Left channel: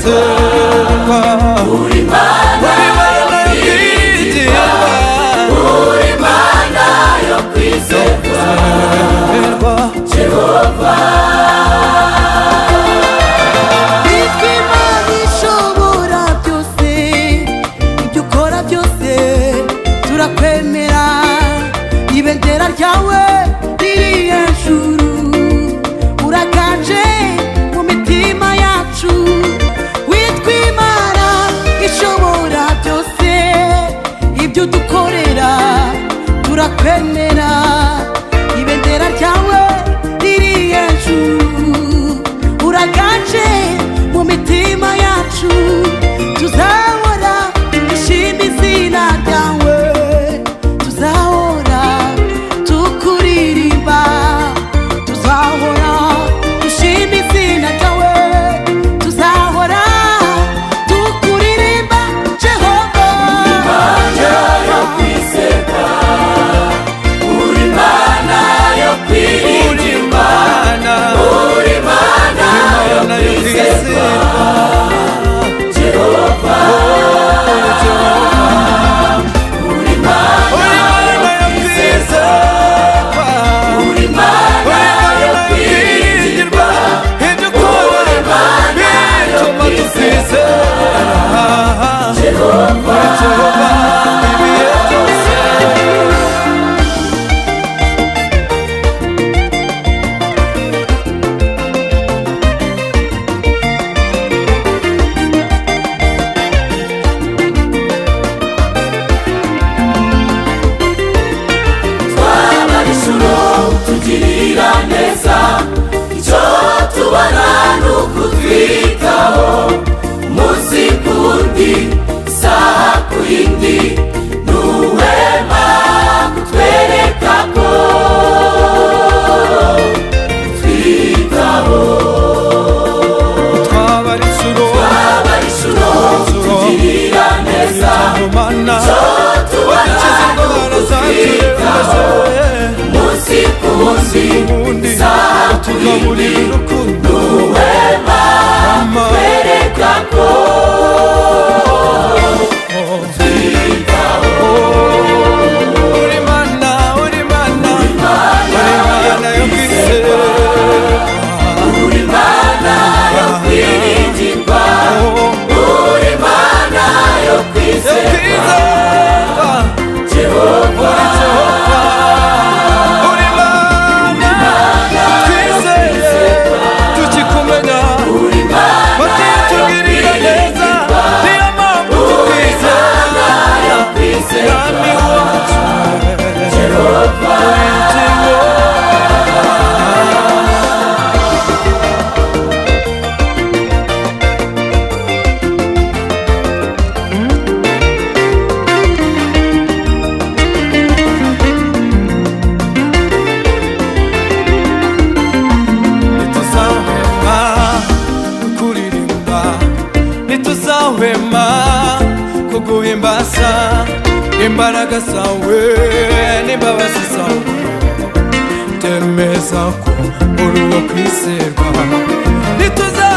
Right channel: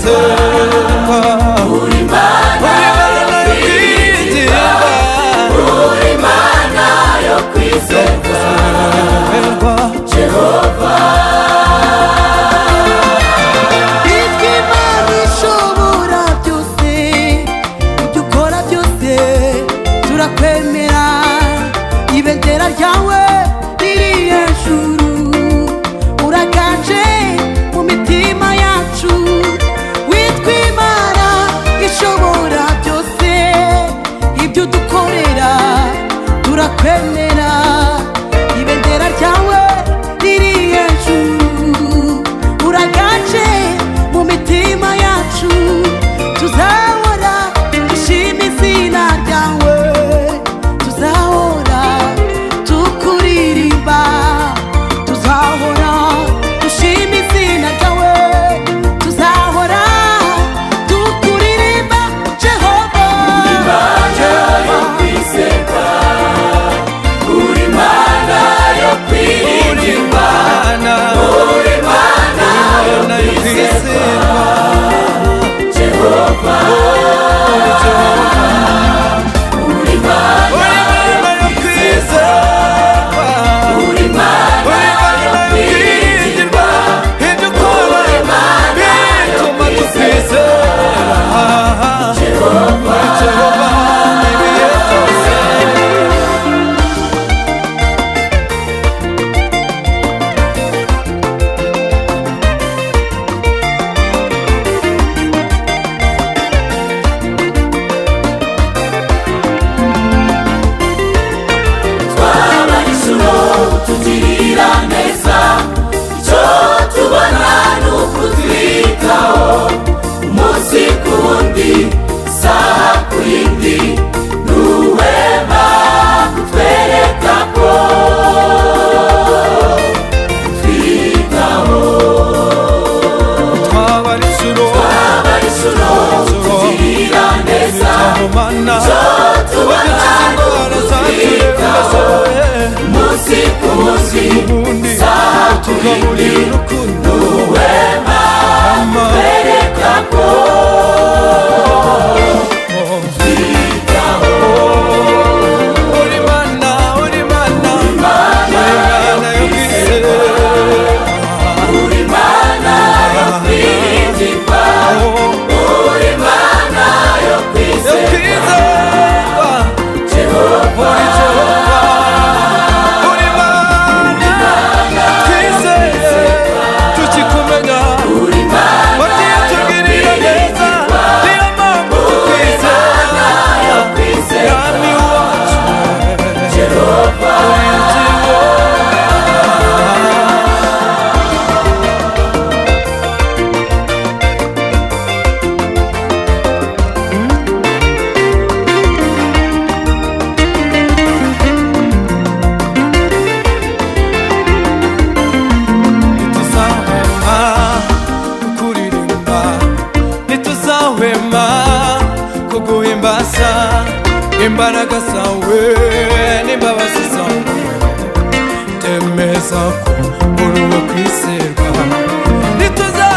kwizerwa, uri Mana yo kwiringirwa, uri Mana yo kwizerwa, Jehova. Itwa Imana ishobora byose, ibyo ukora byose turakwemera, ibendera ryawe riri hejuru, uraganje mu mitima yacu. Witwa Imana ishobora byose, ibyo dukorera turakwemera, ibendera ryawe riri hejuru, uraganje mu mitima yacu. Tuzahora dushima izina ryawe, tuzahora tukuririmba, tuzahora dushima izina ryawe, tuzahora tukuririmba, Jehova. Jehova uri Mana yo kwizerwa, uri Mana yo kwizerwa, Jehova. uri Jehova, uri Mana yo kwizerwa, uri Mana yo kwiringirwa, ibyo ukora bituma tukwizera, uri Jehova ibihe byose. Twabarishuro tugirira neza, icyo tubona ni ukutwitaho, umunsi ku wundi, isaha ku yindi, ntuhwema kutwereka ko twitaho. Twabarishuro tugirira neza, twitaho Mana, udukiza indwara zaturembeje, umunsi ku umunsi ku wundi utugaburira urukundo, ntuhwema Mama. kutwereka ko Uri Mana, uri Mana, uri Mana yo kwizerwa, uri Mana yo kwiringirwa, uri Mana yo yo kwizerwa, kwizerwa, Jehova. uri Jehova, uri Mana twizeye tukikumenya, wagiye utugirira neza, niyo mpamvu tukwizera, Mwami wacu uri Jehova. Ntituzahwema kukuririmba, ntituzahwema kuguhimbaza, imbaraga zawe n'imbabazi zawe byemeza ko uri uwo kwizerwa. Ntituza